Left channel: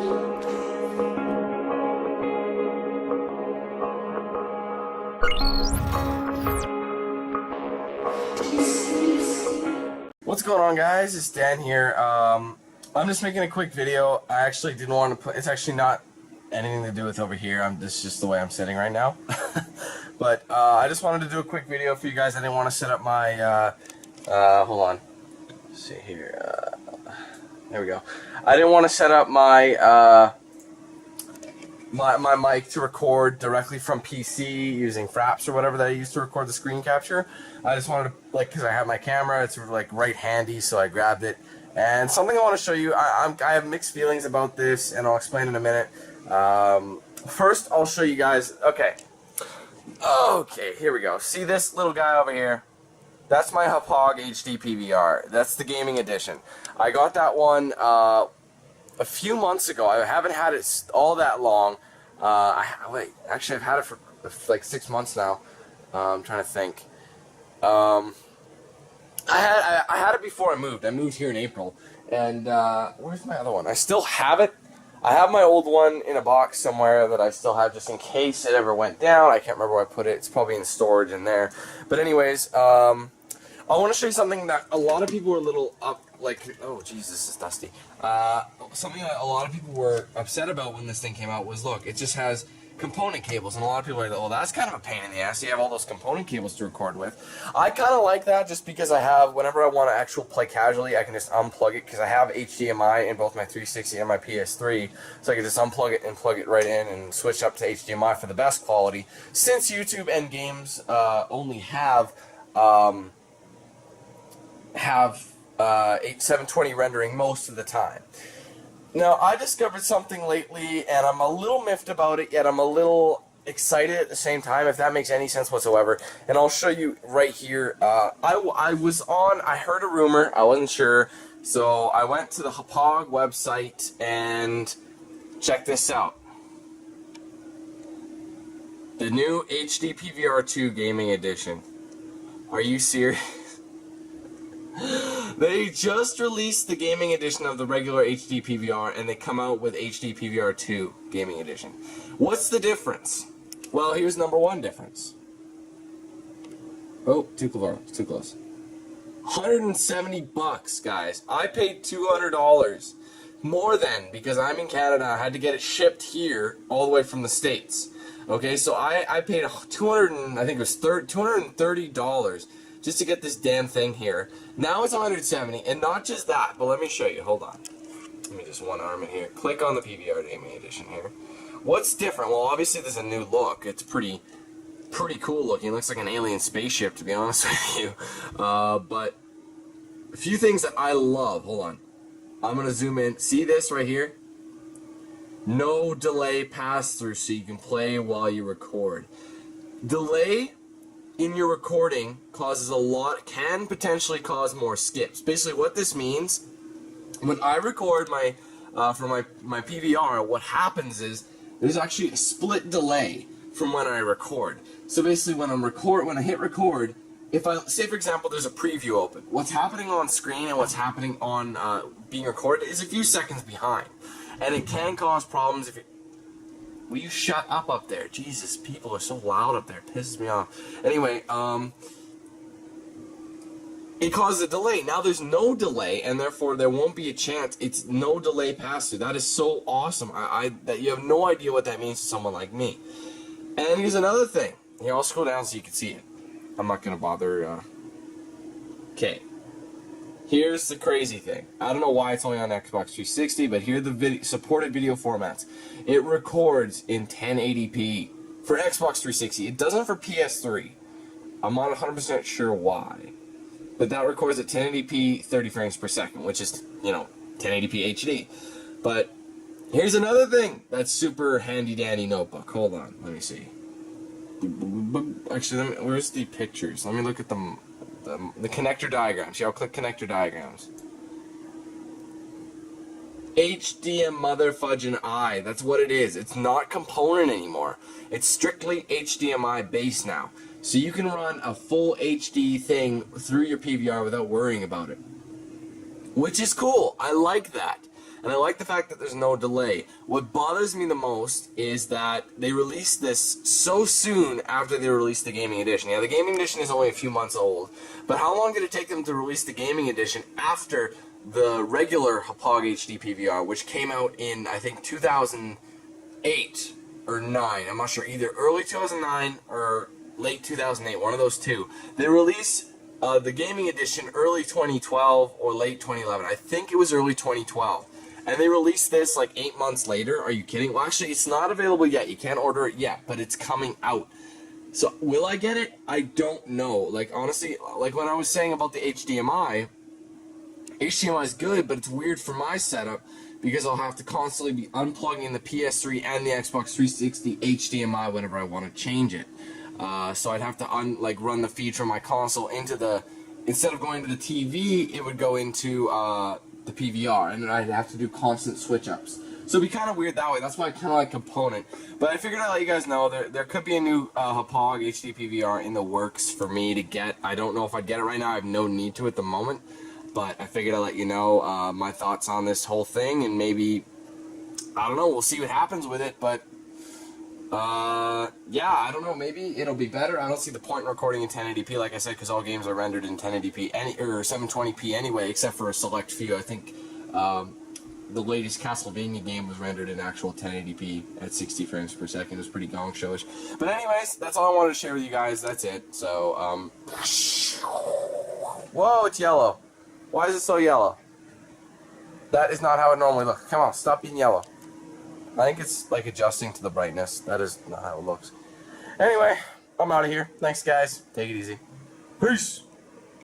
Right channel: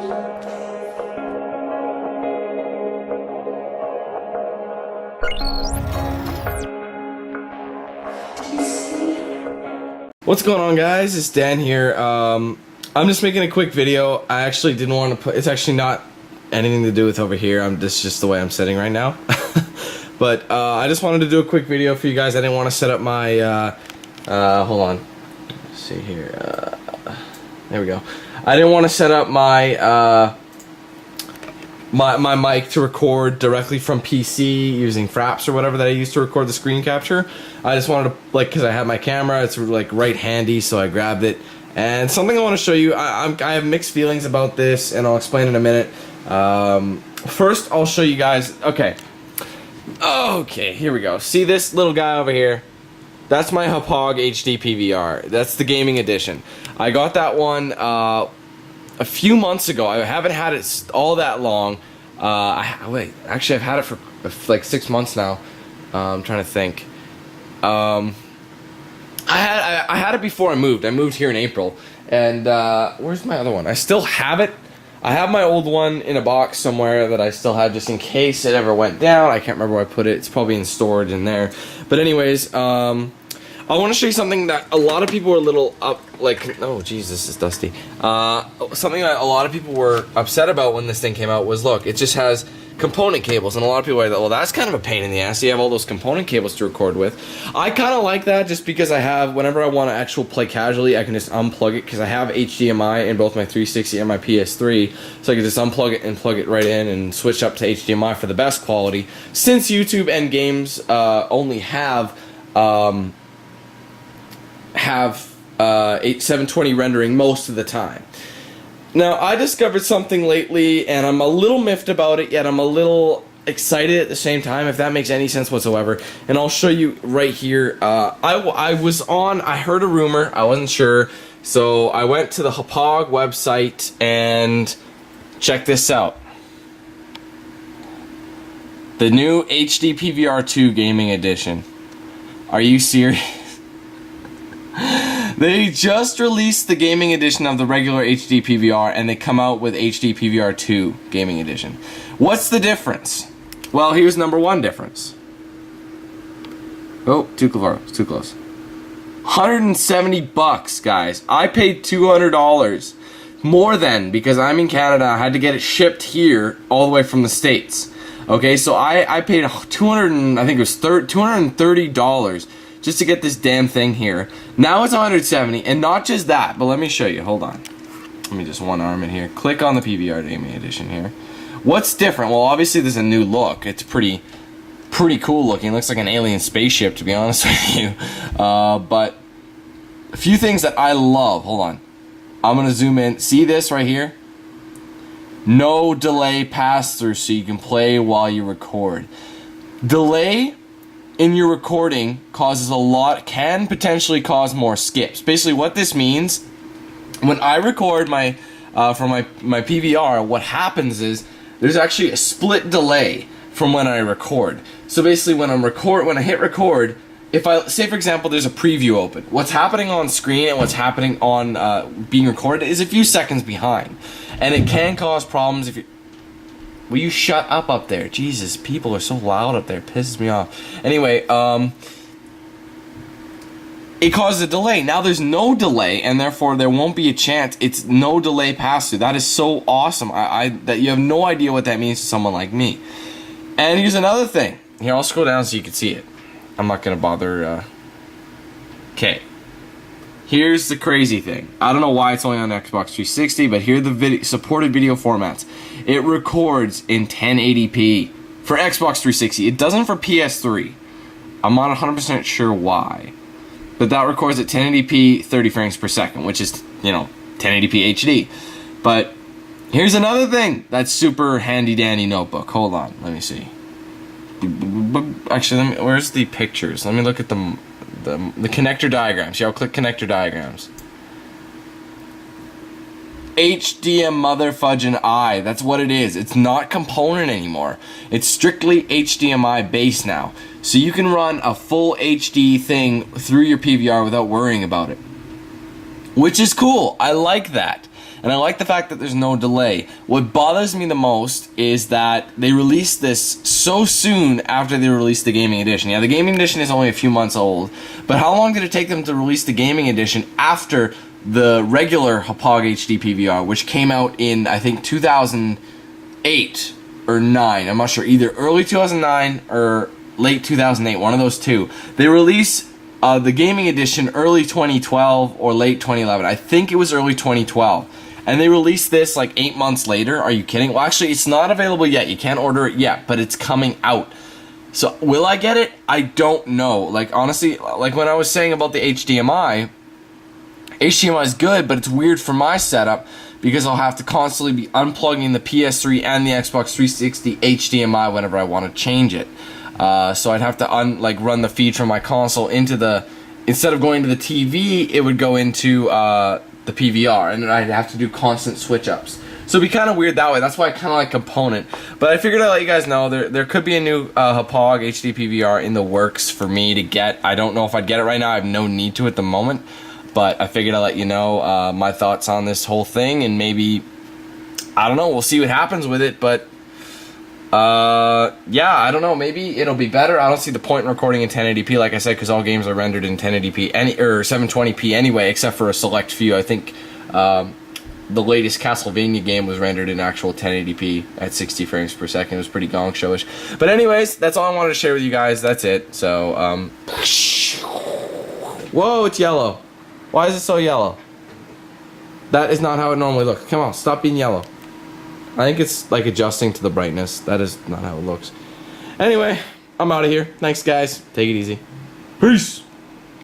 What's going on, guys? It's Dan here. I'm just making a quick video. I actually didn't want to put, it's actually not anything to do with over here. This is just the way I'm sitting right now. But I just wanted to do a quick video for you guys. I didn't want to set up my hold on. Let's see here. There we go. I didn't want to set up my my mic to record directly from PC using Fraps or whatever that I used to record the screen capture. I just wanted to, like, because I have my camera, it's like right handy, so I grabbed it. And something I want to show you, I have mixed feelings about this, and I'll explain in a minute. First, I'll show you guys. Okay, here we go. See this little guy over here? That's my Hauppauge HD PVR. That's the gaming edition. I got that one a few months ago. I haven't had it all that long. Wait, actually I've had it for like 6 months now. I'm trying to think. I had it before I moved. I moved here in April, and where's my other one? I still have it. I have my old one in a box somewhere that I still have just in case it ever went down. I can't remember where I put it. It's probably stored in there. But anyways, I want to show you something that a lot of people were a little oh Jesus, it's dusty. Something that a lot of people were upset about when this thing came out was, look, it just has component cables, and a lot of people are like, well, that's kind of a pain in the ass. You have all those component cables to record with. I kind of like that just because I have, whenever I want to actually play casually, I can just unplug it because I have HDMI in both my 360 and my PS3, so I can just unplug it and plug it right in and switch up to HDMI for the best quality. Since YouTube and games only have 720 rendering most of the time. Now, I discovered something lately, and I'm a little miffed about it, yet I'm a little excited at the same time, if that makes any sense whatsoever. And I'll show you right here. I heard a rumor, I wasn't sure, so I went to the Hauppauge website and check this out. The new HD PVR 2 Gaming Edition. Are you serious? They just released the gaming edition of the regular HD PVR, and they come out with HD PVR 2 gaming edition. What's the difference? Well, here's number one difference. Oh, too close. 170 bucks, guys. I paid $200 more than, because I'm in Canada. I had to get it shipped here all the way from the States. Okay, so I paid $230 just to get this damn thing here. Now it's 170, and not just that, but let me show you. Hold on. Let me just one arm in here. Click on the PVR gaming edition here. What's different? Well, obviously there's a new look. It's pretty cool looking. Looks like an alien spaceship, to be honest with you. But a few things that I love. Hold on. I'm gonna zoom in. See this right here? No delay pass through, so you can play while you record. Delay in your recording can potentially cause more skips. Basically what this means, when I record from my PVR, what happens is there's actually a split delay from when I record. So basically when I hit record, if I say, for example, there's a preview open, what's happening on screen and what's happening on being recorded is a few seconds behind, and it can cause problems if you. Will you shut up there? Jesus, people are so loud up there. It pisses me off. Anyway, it causes a delay. Now there's no delay, and therefore there won't be a chance. It's no delay pass-through. That is so awesome. That you have no idea what that means to someone like me. And here's another thing. Here, I'll scroll down so you can see it. I'm not gonna bother. Okay. Here's the crazy thing. I don't know why it's only on Xbox 360, but here are the supported video formats. It records in 1080p for Xbox 360. It doesn't for PS3. I'm not 100% sure why. But that records at 1080p, 30 frames per second, which is, 1080p HD. But here's another thing that's super handy dandy notebook. Hold on, let me see. Actually, where's the pictures? Let me look at the connector diagrams. Yeah, I'll click connector diagrams. HDMI motherfudging I. That's what it is. It's not component anymore. It's strictly HDMI base now. So you can run a full HD thing through your PVR without worrying about it. Which is cool. I like that. and I like the fact that there's no delay. What bothers me the most is that they released this so soon after they released the gaming edition. Yeah, the gaming edition is only a few months old, but how long did it take them to release the gaming edition after the regular Hauppauge HD PVR, which came out in, I think, 2008 or 9. I'm not sure, either early 2009 or late 2008, one of those two. They released the gaming edition early 2012 or late 2011. I think it was early 2012. And they released this like 8 months later. Are you kidding? Well, actually, it's not available yet. You can't order it yet, but it's coming out. So, will I get it? I don't know. Like, honestly, like when I was saying about the HDMI is good, but it's weird for my setup because I'll have to constantly be unplugging the PS3 and the Xbox 360 HDMI whenever I want to change it. So I'd have to run the feed from my console into the, instead of going to the TV, it would go into the PVR, and I'd have to do constant switch ups. So it'd be kind of weird that way. That's why I kind of like Component. But I figured I'd let you guys know there could be a new Hauppauge HD PVR in the works for me to get. I don't know if I'd get it right now. I have no need to at the moment. But I figured I'd let you know my thoughts on this whole thing, and maybe, I don't know, we'll see what happens with it, but yeah, I don't know, maybe it'll be better. I don't see the point in recording in 1080p, like I said, because all games are rendered in 1080p, or 720p anyway, except for a select few. I think the latest Castlevania game was rendered in actual 1080p at 60 frames per second. It was pretty gong showish. But anyways, that's all I wanted to share with you guys. That's it. So, whoa, it's yellow. Why is it so yellow? That is not how it normally looks. Come on, stop being yellow. I think it's like adjusting to the brightness. That is not how it looks. Anyway, I'm out of here. Thanks, guys. Take it easy. Peace.